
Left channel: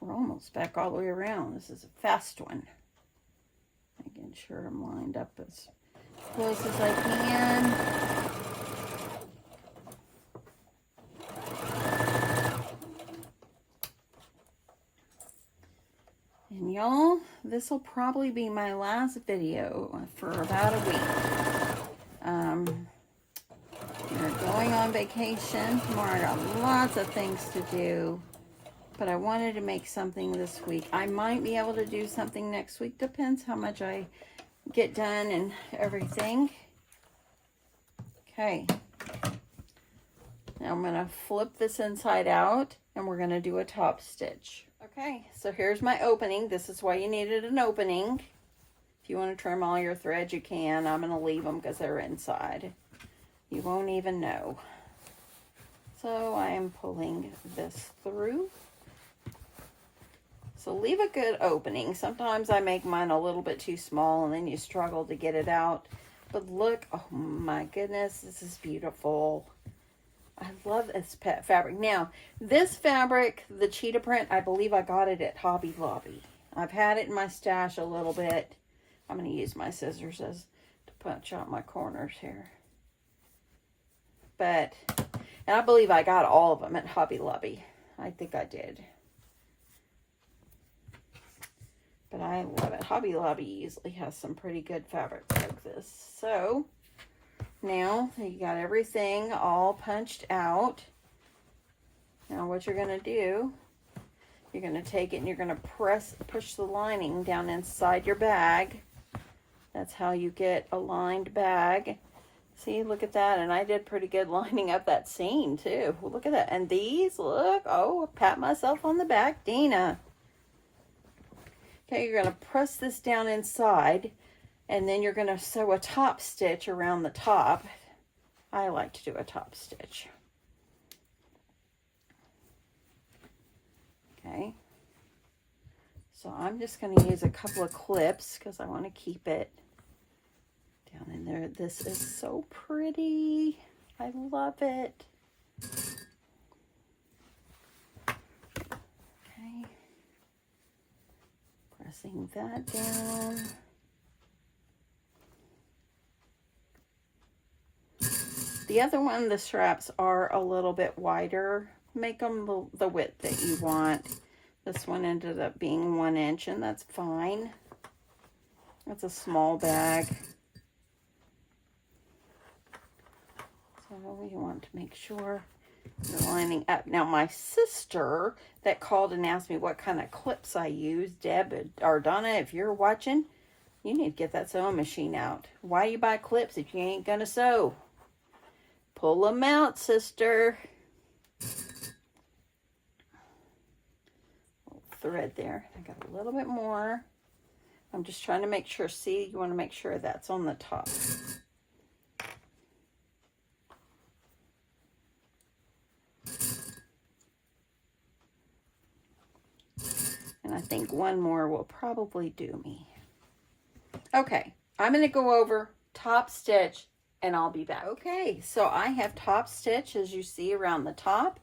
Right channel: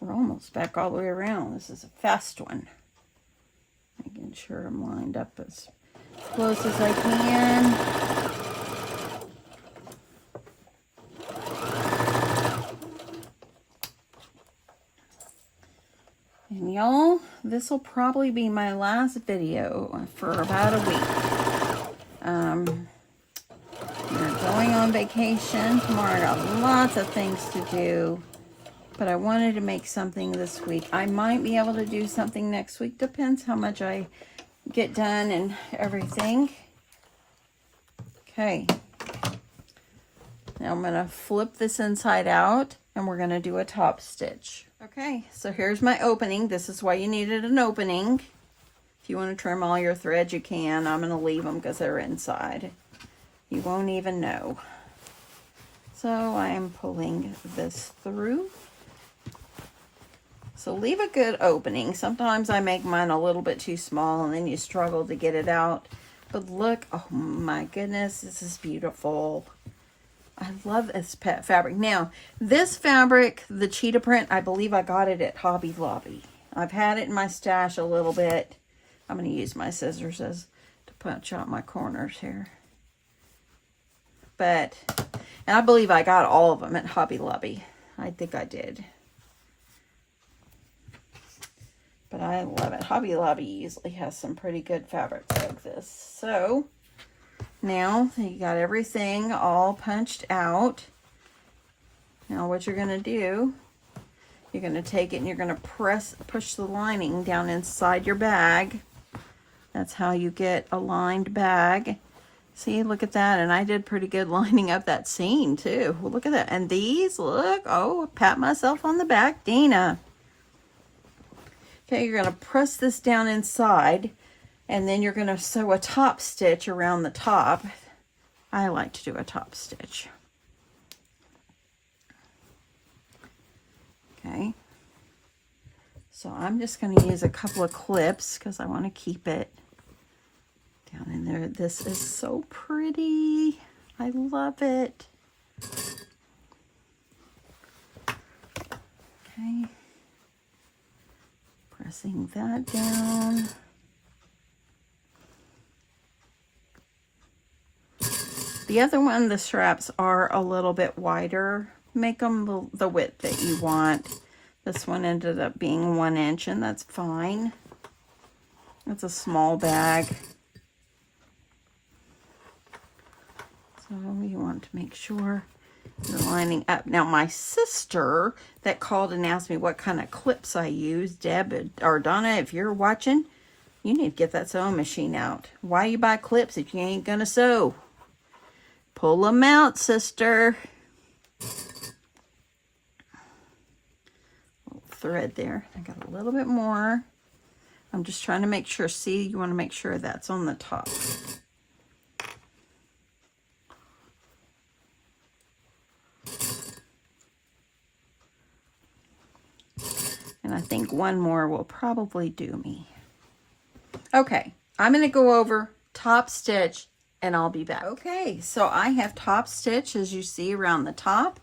We're almost back all the way around. This is a fast one. Making sure I'm lined up as close as I can. And y'all, this will probably be my last video for about a week. We're going on vacation tomorrow. I got lots of things to do, but I wanted to make something this week. I might be able to do something next week. Depends how much I get done and everything. Okay. Now I'm going to flip this inside out and we're going to do a top stitch. Okay, so here's my opening. This is why you needed an opening. If you want to trim all your threads, you can. I'm going to leave them because they're inside. You won't even know. So I am pulling this through. So leave a good opening. Sometimes I make mine a little bit too small and then you struggle to get it out. But look, oh my goodness, this is beautiful. I love this pet fabric. Now, this fabric, the cheetah print, I believe I got it at Hobby Lobby. I've had it in my stash a little bit. I'm going to use my scissors to punch out my corners here. But, and I believe I got all of them at Hobby Lobby. I think I did. But I love it. Hobby Lobby usually has some pretty good fabrics like this. So, now you got everything all punched out. Now what you're going to do, you're going to take it and you're going to push the lining down inside your bag. That's how you get a lined bag. See, look at that. And I did pretty good lining up that seam too. Look at that. And these, look, oh, pat myself on the back, Deanna. Okay, you're going to press this down inside. And then you're going to sew a top stitch around the top. I like to do a top stitch. Okay. So I'm just going to use a couple of clips because I want to keep it down in there. This is so pretty. I love it. Okay. Pressing that down. The other one, the straps are a little bit wider. Make them the width that you want. This one ended up being 1 inch, and that's fine. It's a small bag. So you want to make sure you're lining up. Now, my sister that called and asked me what kind of clips I use, Deb or Donna, if you're watching, you need to get that sewing machine out. Why you buy clips if you ain't gonna sew? Pull them out, sister. Thread there. I got a little bit more. I'm just trying to make sure. See, you want to make sure that's on the top. And I think one more will probably do me. Okay, I'm going to go over top stitch and I'll be back. Okay, so I have top stitch as you see around the top.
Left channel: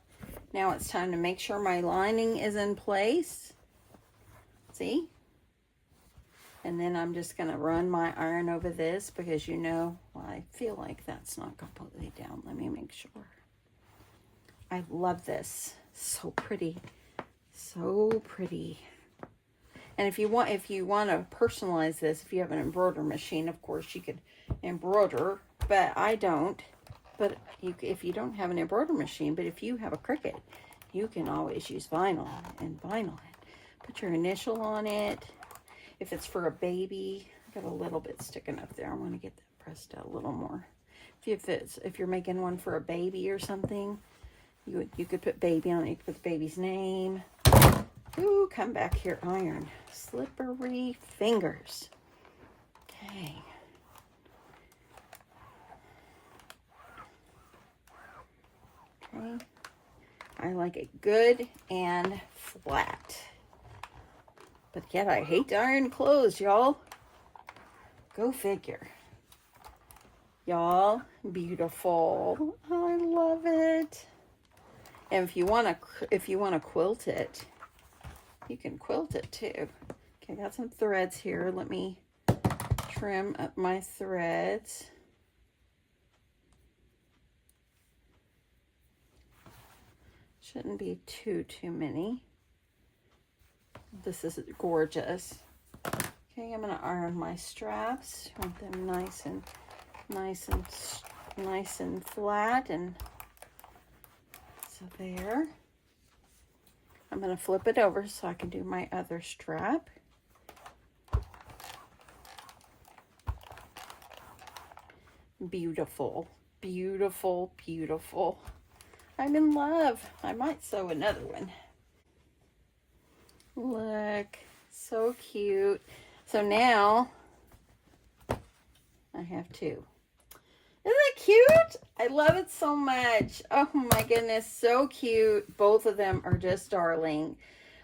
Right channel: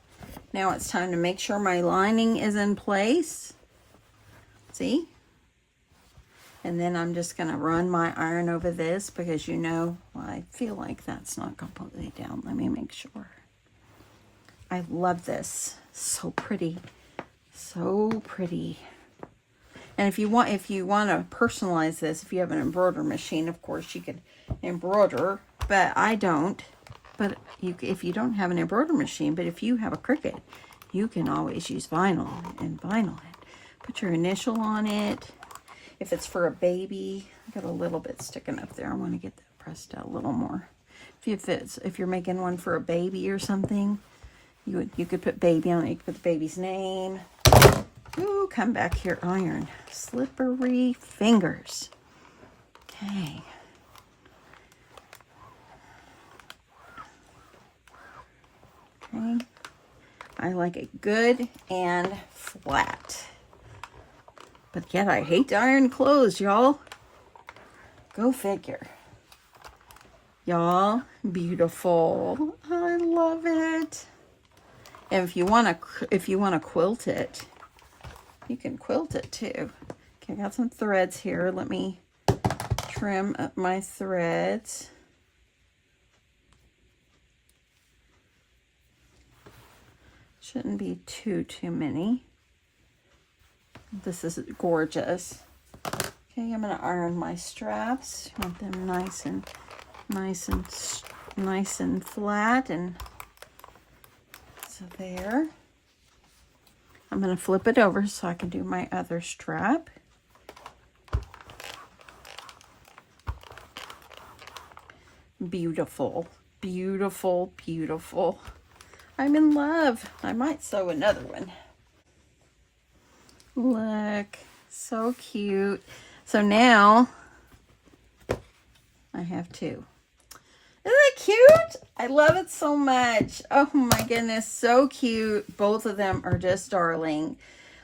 Now it's time to make sure my lining is in place. See? And then I'm just going to run my iron over this because you know, well, I feel like that's not completely down. Let me make sure. I love this. So pretty. So pretty. And if you want to personalize this, if you have an embroidery machine, of course you could embroider, but I don't. But if you don't have an embroidery machine, but if you have a Cricut, you can always use vinyl and vinyl it. Put your initial on it. If it's for a baby, I got a little bit sticking up there. I want to get that pressed out a little more. If you're making one for a baby or something, you could put baby on it. You could put the baby's name. Ooh, come back here, iron. Slippery fingers. Okay. Okay. I like it good and flat. But yet I hate to iron clothes, y'all. Go figure. Y'all, beautiful. I love it. And if you want to quilt it, you can quilt it too. Okay, I got some threads here. Let me trim up my threads. Shouldn't be too many. This is gorgeous. Okay, I'm gonna iron my straps. I want them nice and flat, and so there. I'm gonna flip it over so I can do my other strap. Beautiful, beautiful, beautiful. I'm in love. I might sew another one. Look, so cute. So now I have two. Isn't that cute? I love it so much. Oh my goodness, so cute. Both of them are just darling.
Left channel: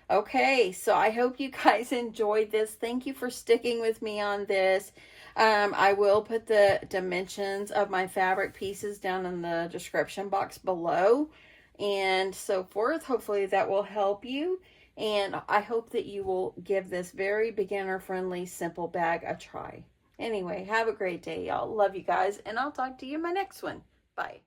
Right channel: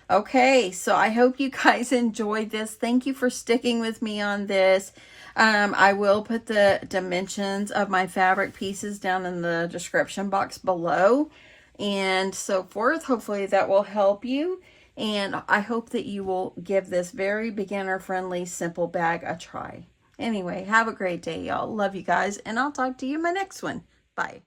Okay, so I hope you guys enjoyed this. Thank you for sticking with me on this. I will put the dimensions of my fabric pieces down in the description box below and so forth. Hopefully that will help you. And I hope that you will give this very beginner-friendly, simple bag a try. Anyway, have a great day, y'all. Love you guys, and I'll talk to you in my next one. Bye.